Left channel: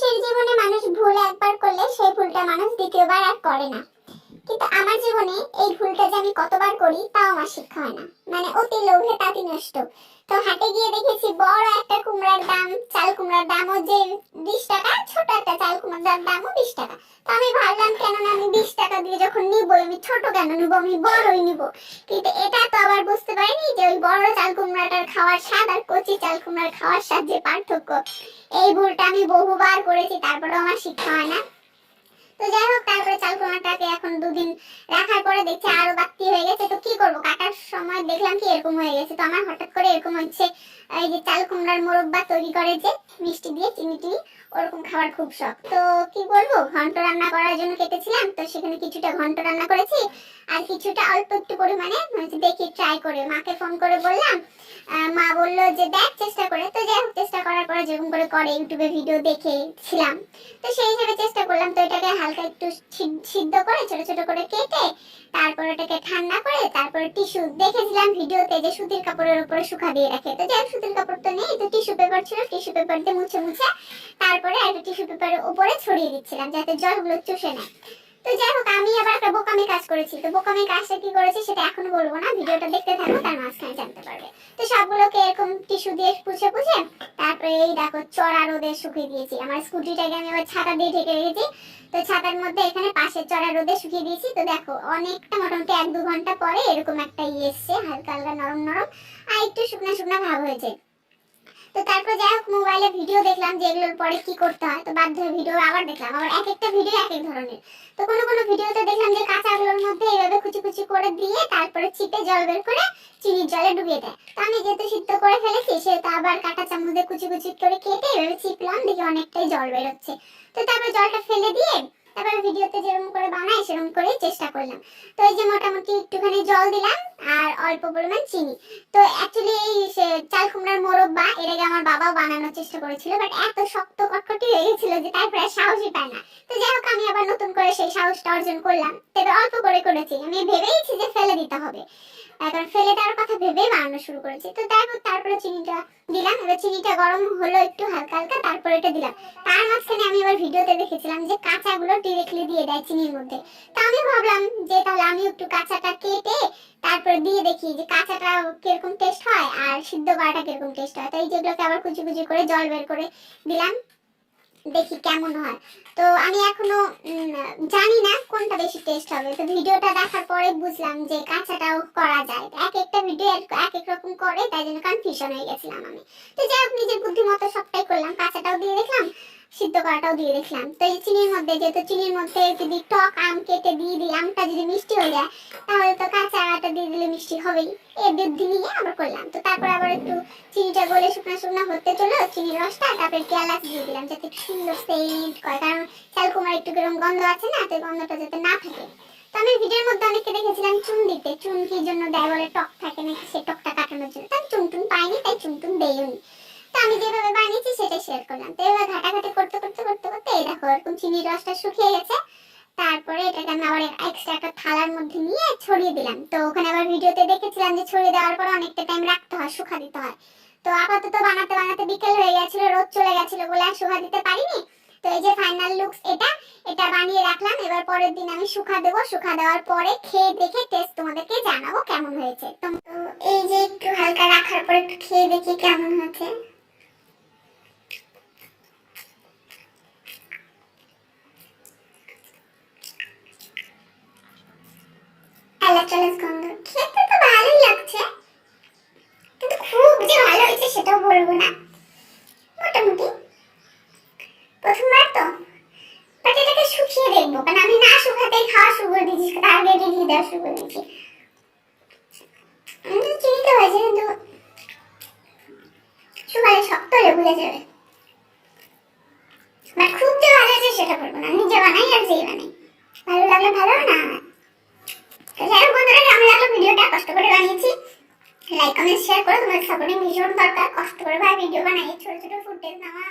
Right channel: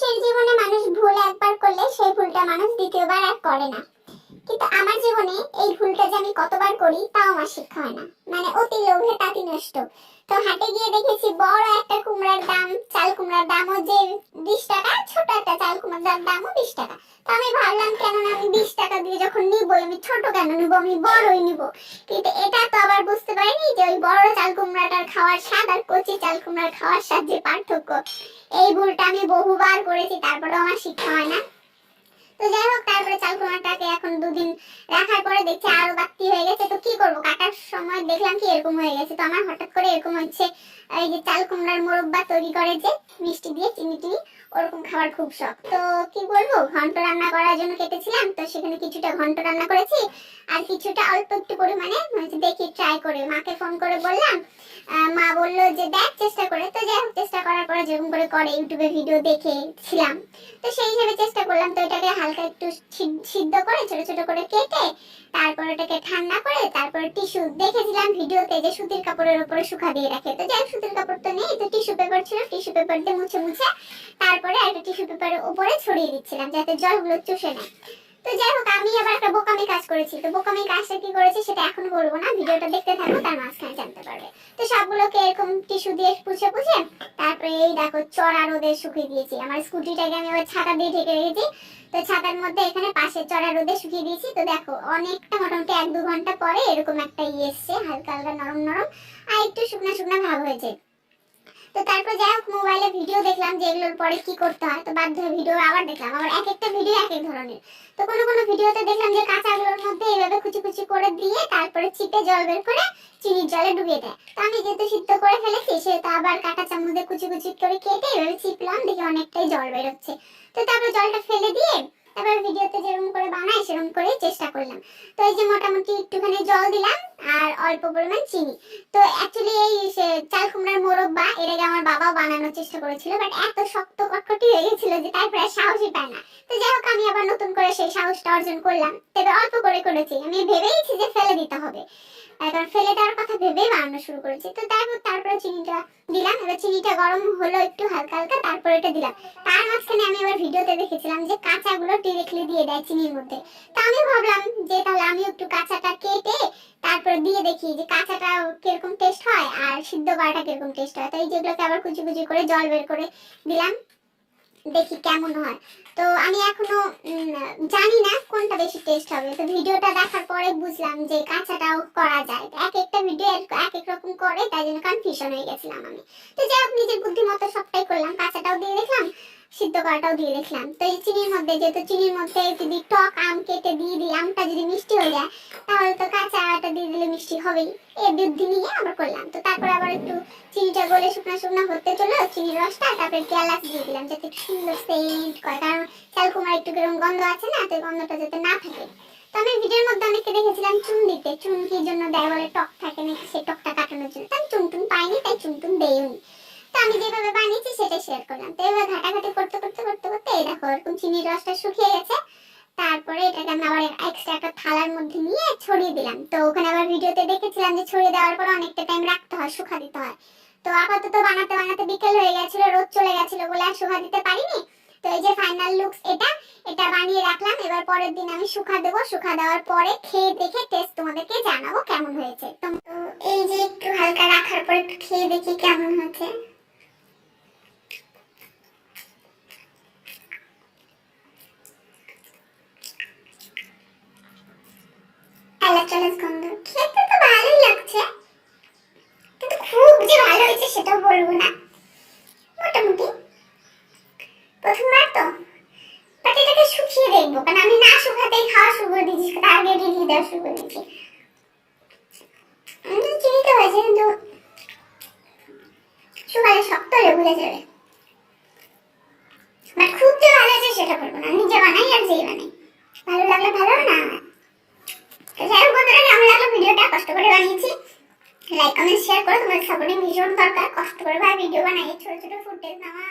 মানুষের জীবনে মানুষ ভুল একবার করলে সেই ভুলটা মানুষ দ্বিতীয়বার আর করে না। কিন্তু আমার জীবনে এই ভুলটা যে আমি কতবার করি, তাও আমার শিক্ষা হয় না। মানে অতি লোভে তাঁতি নষ্ট। তো হাটে গিয়ে দেখেছি বড় একটা কুমড়ার দাম, চাল কুমড়ার দামও যে বিশ টাকা, ছোট একটা চাল কুমড়ার দামও বিশ টাকা। তো আমি ভাবলাম কেন না আমি বিশ টাকা দিয়ে যখন নিবই, আমি ছোট কেন নিবো? আমি বড়ই নিবো। কিন্তু এটা তো আবার বুঝতে পারিনি যে ওই বড় চাল কুমড়াটার খাওয়ার স্বাদ আর কচি চাল কুমড়ার খাওয়ার স্বাদ যে পার্থক্য। এই ভুলটা আমি বহুবার করেছি, তারপরেও আমার শিক্ষা হয় না। তো যাই হোক, তারপরে চাল কুমড়াটাকে এখন দুদিন রাখার পরে দেখছি আরও বাড়তি হয়ে গেছে। তো কি করব, কাটার সময় দেখলাম কি এরকম হয়ে গেছে। তো আমার হঠাৎ করে এরকম হচ্ছে, এই যে চাল কুমড়ার মোরব্বা তৈরি করে যে মিষ্টি দিয়ে চিনি টিনি ওরকম খাবার খুব শখ। তো কি বলব, ঘন্ট রান্না করার জন্য কেটেছিলাম, তো সেখানে কিছুটা ঘন্ট রান্না করেছি। আর কিছুটা অল্প একটু পরিমাণে দেখি ট্রাই করে। মাকে ফোন করে বললাম মা বলল যে দেখ চেষ্টা করে। তো যাই চেষ্টা করার পরে যেরকম করে করে, ইউটিউবে ভিডিও দেখেছিলাম। তো সেই হিসেবে চেষ্টা করলাম, তো এটাকে হালকা একটু সিদ্ধ করে, ছোট ছোট করে কেটে, তারপর ওটাকে ঠান্ডা করে, তারপর টিস্যু দেখেছিলাম ভিডিওতে যে সুতির কাপড়ের উপরে শুকা দিয়ে রাখে। তো যাই সুতির কাপড় তো নেই, তো টিস্যু পেপার ছিল টিস্যু পেপার দিয়ে মুছে মুছে তারপরে একটা টিস্যু পেপারের উপরে ছড়িয়ে দিচ্ছিলাম, যাতে জলগুলো চুষে নেয়। তো যাই হোক, আমি আবার একটা বোকামি কাজ করেছি। তো বোকামি কাজটা কি করেছি সেটা এখন বলব না, ভিডিওটা দেখতে থাকো, তার মাঝখানে জানতে পারবে। তো সবগুলোকে এরকম টিস্যু দিয়ে পুছে পুছে, তারপরে এই দেখো চড়া রোদে শুকিয়ে দিয়েছি। আমার স্কুটিটাকে আমি আবার ছাতা দিয়ে ঢেকে রেখেছি। তো ছাতার মধ্যে এখানে পাশে চড়া রোদে শুকিয়ে দিয়েছি। তো দেখো, অনেকটা মোটামুটি এক দু ঘণ্টা পরে এরকম একটা ইয়ে এসছে, হালকা হালকা নরম নরম, আর একটু শুকনা শুকনা ভাব হয়েছে। তো তারপর যাই হোক মোবাইলে ভিডিও দেখলাম যে এগুলোর পরে কি করতে হয়। তো বাধ্য ভিডিও আবার দেখলাম। আবার এক একটা ভিডিও এক এক ধরনের। তো কোনো কোনো ভিডিওতে দেখলাম যে কাঁচাগুলোর মধ্যে এইভাবে কুচি কুচি করে দিয়ে তারপরে চিপে জল বের করে চিনির জলে ডুবিয়ে দেয়। তো আমি যেহেতু সিদ্ধ করে ফেলেছি, সেহেতু আবার কাঁটা চামচ দিয়ে কুচি কুচি করে কেটে এভাবে চিপলাম দেখি অনেকটাই জল বেরোচ্ছে। তো তারপরে জলটা ফেলে দিয়ে তারপরে ভিডিওতে যেরকম করে বানাই, সেরকম করেই চেষ্টা করলাম। তো এই যে মোটামুটি একটুখানি জল দিলাম আর অল্প পরিমাণ চিনি। তো অ্যাকচুয়ালি এই সে চাল কুমড়ার মোরব্বা, এর আগে আমার বাবা বানানোর চেষ্টা করেছিল বাট এত শক্ত কটকটি হয়ে গেছিল যে তারপরে আর সাহসই পায় না। তো যাই হোক, আমি আবার নতুন করে সেই সাহসটা অর্জন করলাম। তবে অল্প করে করেছি। আমি ভেবেইছি যে ফেলে দিতে হবে। এখন ফেলে দেওয়ার কথা ভেবেই বানানো শুরু করেছি। তো তারপর তারপরে চিনিটা দিলাম। এবার চিনিটা গরম হলো একটু হালকা হালকা, তারপরে এটা দিলাম। তার মাঝখানে আমি এবার ভিডিওতে দেখেছিলাম যে কাঁচাগুলো ডিরেক্টলি দিয়ে দেয় চিনির মধ্যে। তো আমিও ভাবলাম যে তাহলে আমি একটু কাঁচাটা কেটে তারপরে দিয়ে দেখি যে কাঁচাটা কীরকম টেস্ট হয় আর সিদ্ধ করাটা কীরকম টেস্ট হয়। তো এই যেগুলোকে আবার কুচি কুচি করে জল বের করে দিলাম। দেখি কেমন হয়। তো আমি এখনও জানি না কোনটা বেশি টেস্ট হবে। তো ভিডিওটা দেখার পরে বুঝলাম যে কাঁচাটাও করা যায়। এক একটা ভিডিও এক এক রকম করে, তাই জন্য কনফিউশন হয়ে গেছিলাম আমি। তো যাই হোক, নিজের বুদ্ধিমত্তা সবটাই করলাম, কাঁচাটাও দিয়ে দেখলাম। সিদ্ধ করাটাও দিয়ে দেখলাম তো এই চিনির মধ্যে, যেহেতু চিনির মধ্যে যদি টক আম কেটে দিয়ে দিই, আমটা যদি মিষ্টি হয়ে যায়, তাহলে তো কাঁচাটা দিয়ে দিলে মিষ্টি হবেই। এই বুদ্ধি নিয়ে আবার করলাম। তো তারপর আবার একটু চিনিটা গলে শুকনো শুকনো হতে চলো চিনির রসটা, তারপরে এলাচ দিয়ে দিলাম যাতে একটু সুন্দর সেন্ট করে। কারণ চাল কুমার একটু কীরকম গন্ধ আছে না, তো গন্ধটা যাতে না থাকে। তো আমি ভিডিওর মধ্যে অনেককে দেখেছিলাম চুন দিতে চুন কি জন্য দেয় বলে টক থাকে নাকি সেই টকটা কাটানোর জন্য। তো আমি চুন টুন পাইনি, তাই চুন টুন দেইনি। আমি যেভাবে বানিয়েছি সেটাই শেয়ার করলাম। তো এবার ঘাটাঘাটি করতে করতে করতে করতে এই দেখো এরকম চিনির রসটা শুকিয়ে গেছে। তারপরে এটাকে আমি আবার এক্সট্রা একটা থালার মধ্যে নিয়ে ছড়িয়ে দিলাম। তো ওখানে আবার ভিডিওতে দেখেছিলাম যে ছড়িয়ে দেওয়ার পর অনেকটা টাইম রাখতে হয়, শুকা দিতে হয়। তো আপাতত বানাতে বানাতে বিকেল হয়ে গেছিল, রোদ চলে গেছিল বলে আর শুকা দিতে পারিনি। তো এই যে ফাইনাল লুকস এটা এটা বানিয়ে রাখলাম। এবার পরের দিন আমি শুকা দেবো। শুকা দেওয়ার পরে খেয়ে দেখে টেস্ট তোমাদেরকে জানাব কেমন হয়েছে। তো এই যে একটু হালকা রাখার পর একটু খেয়ে দেখি কেমন হয়েছে। চালাস গন্ধ। খেতে তো ভালোই লাগছে। কিন্তু খুব যে ভালো হয়েছে সেটাও বলব না। মোটামুটি। প্রথমবার তো। বাট শুকিয়ে দেখব। কারণ আমি না শুকাতেই খাওয়া শুরু করে দিয়েছি। তার আগে রেডি দেওয়া শুরু করে দিয়েছি। উম, চিনিতে হয়েছে কিন্তু শুকালে শক্ত হলে যাবে। খুব যে ভালো হয়েছে সেটা বলব না। নিজে বানাই আর যেই বানাই। ভালো লাগলে ভালো না তো যাই হোক বন্ধুরা, কেমন লাগল ভিডিওটা? কষ্ট করে বানিয়েছি। লাইক কমেন্ট শেয়ার করো। তোমাদের সাপোর্টিং ভীষণ দরকার। কষ্ট করে ভাই ভিডিও বানাই। ছোট ছোট ফুটেজ নেওয়া।